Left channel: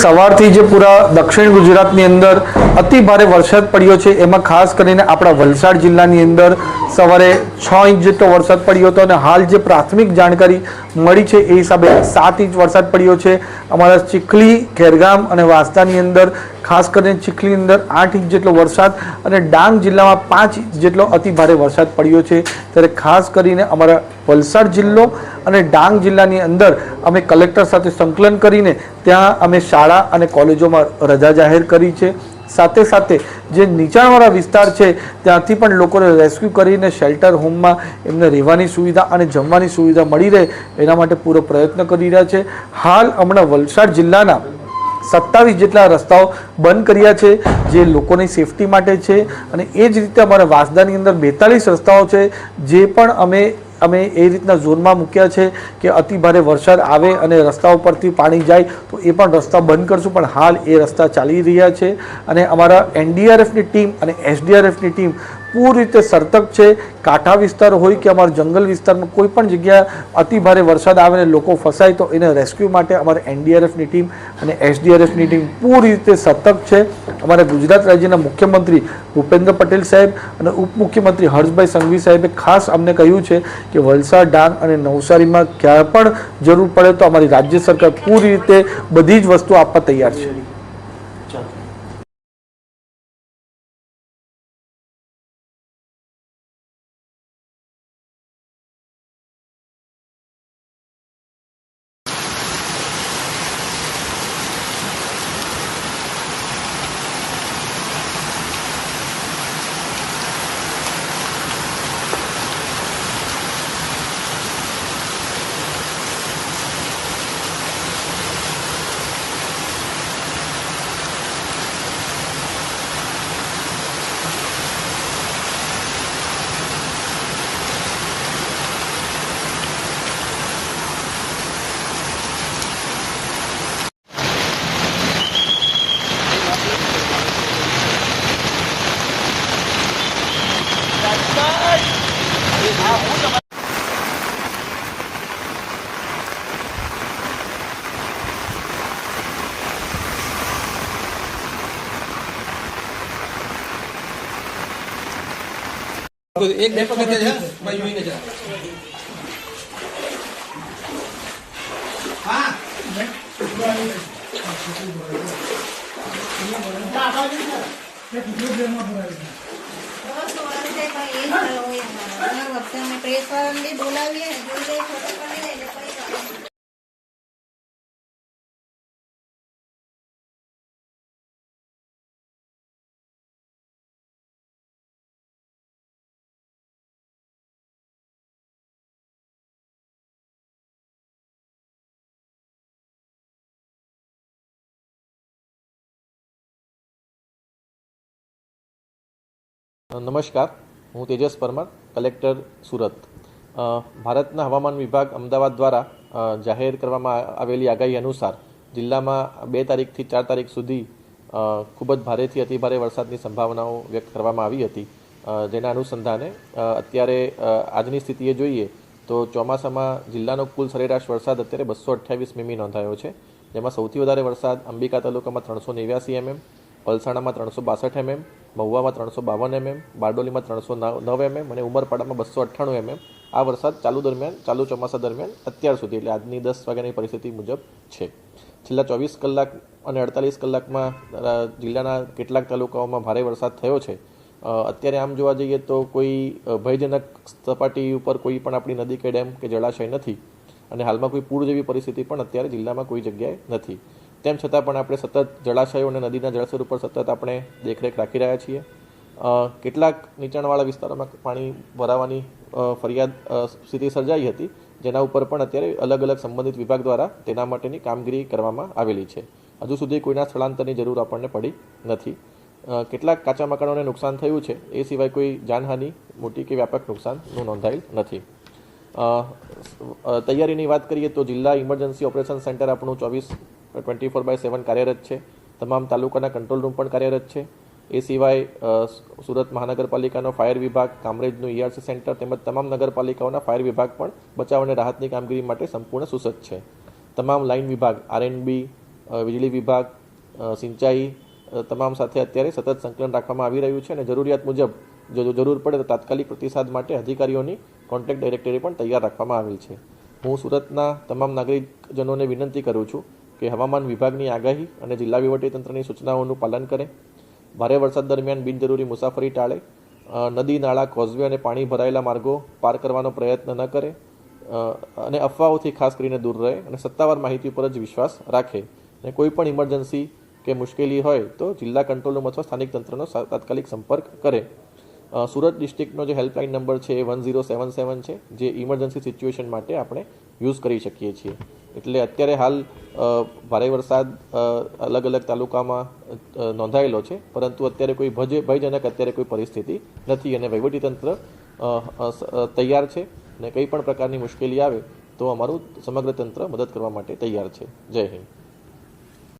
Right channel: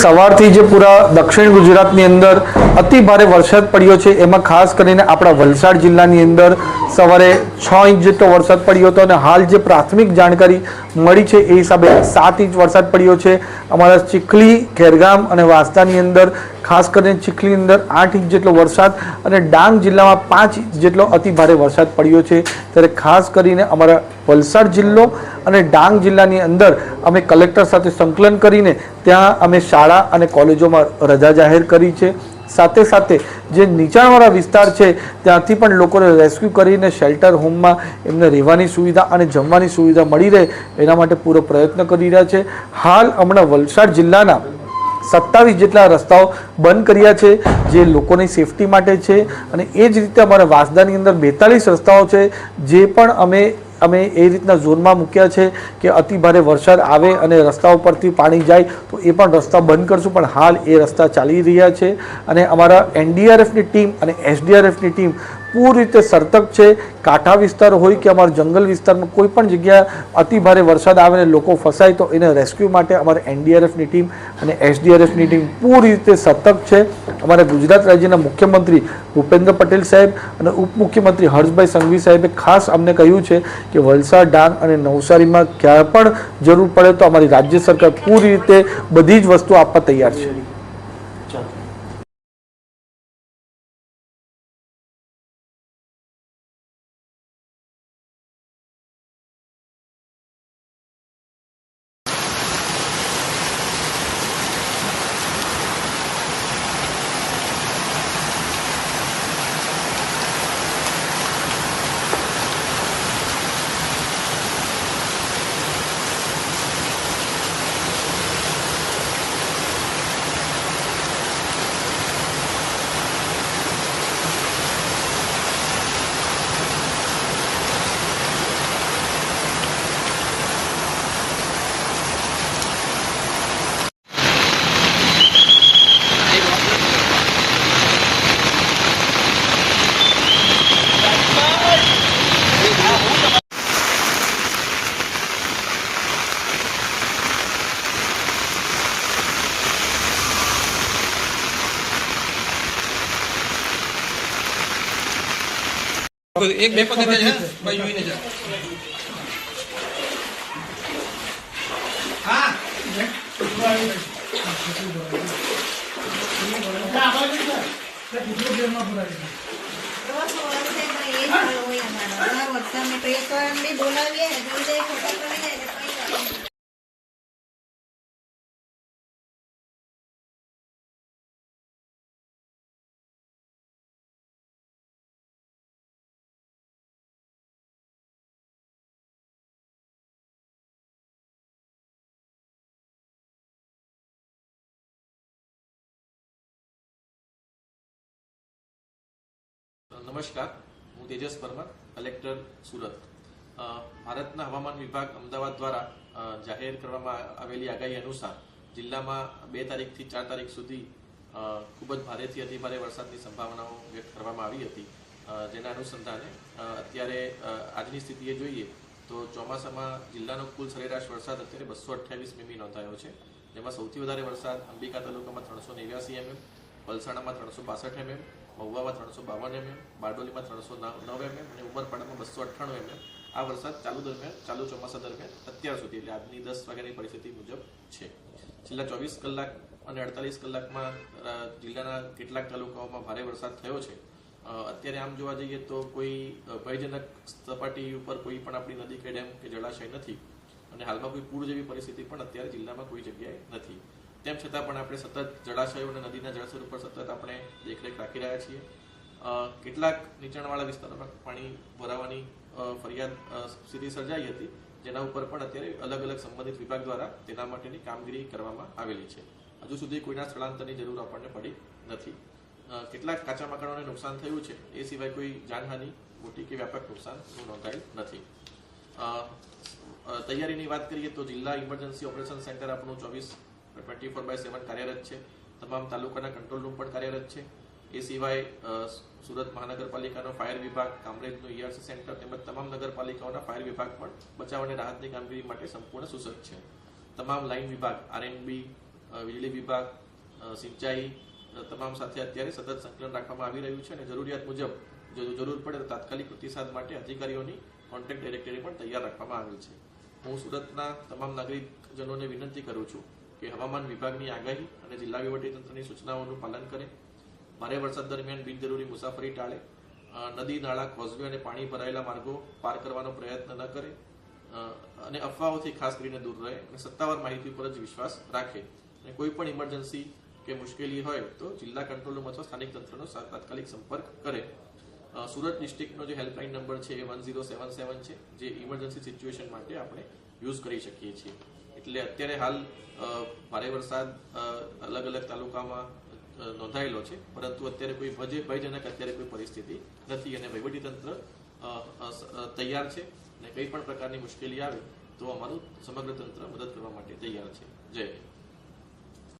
સવારથી જે પૂરા દક્ષિણ ગુજરાતની અંદર અતિ ભારે વરસાદ પડ્યો છે, એમાં ખાસ કરીને આપણા વલસાડ જિલ્લાની અંદર સવારે 6 ઇંચ જેટલો વરસાદ પડ્યો હતો અને હાલ જે પ્રાથમિક જાણકારી મળી છે એ હિસાબે 7 ઇંચ વરસાદ પડ્યો છે. અમારા ચીખલી, ખેરગામ અને વાંસદાની અંદર ખાસ કરીને ચીખલીની અંદર 8 ઇંચ જેટલો વરસાદ અને ડાંગ જિલ્લામાં 5 ઇંચ જેટલો અતિ ભારે વરસાદ પડ્યો છે. ત્યારે ખાસ કરીને અમારા વલસાડ જિલ્લો અને ડાંગ જિલ્લાની અંદર અમે કલેક્ટર સાથે સંકલન કરીને ત્યાં અમે શાળા અને કોલેજોમાં રજા જાહેર કરી છે. સાથે સાથે જે નીચાણવાળા વિસ્તાર છે ત્યાંથી પણ લોકોને રેસ્ક્યુ કરીને શેલ્ટર હોમમાં એમને રહેવાની સુવિધા અને જમવાની સુવિધા મળી રહે એના માટે પૂરો પ્રયત્ન કરી રહ્યા છે. હાલ હમણાં વલસાડ જિલ્લાના 27 જેટલા રસ્તાઓ બંધ કર્યા છે જે લોકોની સેફટી માટે છે અને એ જ રીતે અમારા વાંસદાની અંદર 42 રસ્તાઓ છે જે પણ અમે એ રીતના ઝોનમાં મૂક્યા છે કે અતિ ભારે વરસાદ આવે અને રસ્તાઓ પરથી પાણી જાય તો એ પણ રસ્તા બંધ કરશું, પણ હાલ એ રસ્તા ચાલી રહ્યા છે. અને અમારા એનડીઆરએફની ટીમ અને એસડીઆરએફની ટીમ પૂરી રીતે સતર્ક છે. કાંઠા વિસ્તાર હોય કે અમારા જંગલ વિસ્તારમાં કોઈ પણ જગ્યા અતિ ભારે વરસાદ આવે ને લોકો ફસાય તો એને રેસ્ક્યુ માટે અમારા એનડીઆરએફની ટીમ અને એસડીઆરએફની ટીમ પૂરી રીતે સતર્ક છે. અમારા ગુજરાત રાજ્યના મુખ્યમંત્રી ભૂપેન્દ્ર પટેલ સાહેબ અને ઉપમુખ્યમંત્રી હર્ષભાઈ સંઘવી સાહેબે ખાસ અમને કહ્યું છે કે વલસાડ, ડાંગ અને નવસારીમાં ક્યાં પણ જરૂર પડે તો અમારી રાજ્ય સરકાર પૂરી રીતે બધી જ વસ્તુ આપવા તૈયાર છે. एक બે પગથિયા છે ભાઈ જોઈને જા. હા બોલાવીએ. નમસ્કાર, હું તેજસ પરમાર, કલેક્ટર સુરત. ભારતના હવામાન વિભાગ અમદાવાદ દ્વારા જાહેર કરવામાં આવેલી આગાહી અનુસાર જિલ્લામાં 2 તારીખથી 4 તારીખ સુધી ખૂબ જ ભારેથી અતિભારે વરસાદની સંભાવનાઓ વ્યક્ત કરવામાં આવી હતી. જેના અનુસંધાને અત્યારે આજની સ્થિતિએ જોઈએ તો ચોમાસામાં જિલ્લાનો કુલ સરેરાશ વરસાદ અત્યારે 228 મીમી નોંધાયો છે. જેમાં સૌથી વધારે વરસાદ અંબિકા તાલુકામાં 389 mm, પલસાણામાં 362 mm, મહુવામાં 352 mm, બારડોલીમાં 309 mm અને ઉમરપાડામાં 298 mm આ વરસાદ ચાલુ ચોમાસા દરમિયાન અત્યાર સુધી એટલે આજની 10 વાગ્યાની પરિસ્થિતિ મુજબ છે. છેલ્લા 24 કલાક અને 48 કલાકમાં જિલ્લાના કેટલાક તાલુકાઓમાં ભારે વરસાદ થયો છે. અત્યારે આમ જોવા જઈએ તો કોઈ ભયજનક સપાટી ઉપર કોઈ પણ આપણી નદી કે ડેમ કે જળાશય નથી અને હાલમાં કોઈ પૂર જેવી પરિસ્થિતિ પણ અત્યારે જિલ્લામાં કોઈ જગ્યાએ નથી. તેમ છતાં પણ આપણે સતત જળાશયો અને નદીના જળસ્તર ઉપર સતત આપણે દેખરેખ રાખી રહ્યા છીએ. કેટલાક નીચાણવાળા વિસ્તારોમાં પાણી ભરાવાની ફરિયાદ સ્થિતિ સર્જાઈ હતી, જેના ઉપર પણ અત્યારે અલગ અલગ સંબંધિત વિભાગ દ્વારા તેના માટેની કામગીરી કરવામાં આવેલી છે. હજુ સુધી કોઈના સ્થળાંતરની જરૂર આપણને પડી નથી. કેટલાક કાચા મકાનોને નુકસાન થયું છે, એ સિવાય કોઈ જાનહાનિ મોટી કે વ્યાપક નુકસાનનું નોંધાયેલ નથી. તૈયારીની વાત કરીએ તો જિલ્લા ઇમરજન્સી ઓપરેશન સેન્ટર આપણું 24/7 કાર્યરત છે. તમામ તાલુકાના કંટ્રોલ રૂમ પણ કાર્યરત છે. એ સિવાય સુરત મહાનગરપાલિકાનો ફાયર વિભાગ, કામરેજનું ERC સેન્ટર તેમજ તમામ નગરપાલિકાઓના ફાયર વિભાગ પણ બચાવ અને રાહતની કામગીરી માટે સંપૂર્ણ સુસજ્જ છે. તમામ લાઇન વિભાગ, RNB, વીજળી વિભાગ, સિંચાઈ તમામ સાથે અત્યારે સતત સંકલન રાખવામાં આવી રહ્યું છે અને જરૂરિયાત મુજબ જો જરૂર પડે તો તાત્કાલિક પ્રતિસાદ માટે અધિકારીઓની કોન્ટેક્ટ ડાયરેક્ટરી પણ તૈયાર રાખવામાં આવેલ છે. હું સુરતના તમામ નાગરિકજનોને વિનંતી કરું છું કે હવામાન વિભાગની આગાહી અને જિલ્લા વહીવટીતંત્રની સૂચનાઓનું પાલન કરે, ભારે વરસાદ દરમિયાન બિનજરૂરી મુસાફરી ટાળે, નદી, નાળા, કોઝવે અને પાણી ભરાયેલા માર્ગો પાર કરવાનો પ્રયત્ન ન કરે અને અફવાઓથી ખાસ કરીને દૂર રહે અને સત્તાવાર માહિતી પર જ વિશ્વાસ રાખે અને કોઈ પણ ઇમરજન્સી કે મુશ્કેલી હોય તો જિલ્લા કંટ્રોલ રૂમ અથવા સ્થાનિક તંત્રનો તાત્કાલિક સંપર્ક કરે. સુરત ડિસ્ટ્રિક્ટનો જે હેલ્પલાઇન નંબર છે એ 1077 છે, જે ઇમરજન્સી સિચ્યુએશન માટે આપણે યુઝ કરી શકીએ છીએ. એટલે અત્યારે હાલ ભારે વરસાદ અલગ અલગ તાલુકામાં નોંધાયેલો છે, પરંતુ અત્યારે કોઈ ભયજનક અત્યારે કોઈ પરિસ્થિતિ નથી અને વહીવટીતંત્ર તૈયાર છે અને કંઈ પણ પ્રકારની મુશ્કેલી આવે તો અમારું સમગ્ર તંત્ર મદદ કરવા માટે તૈયાર છે. જય હિન્દ.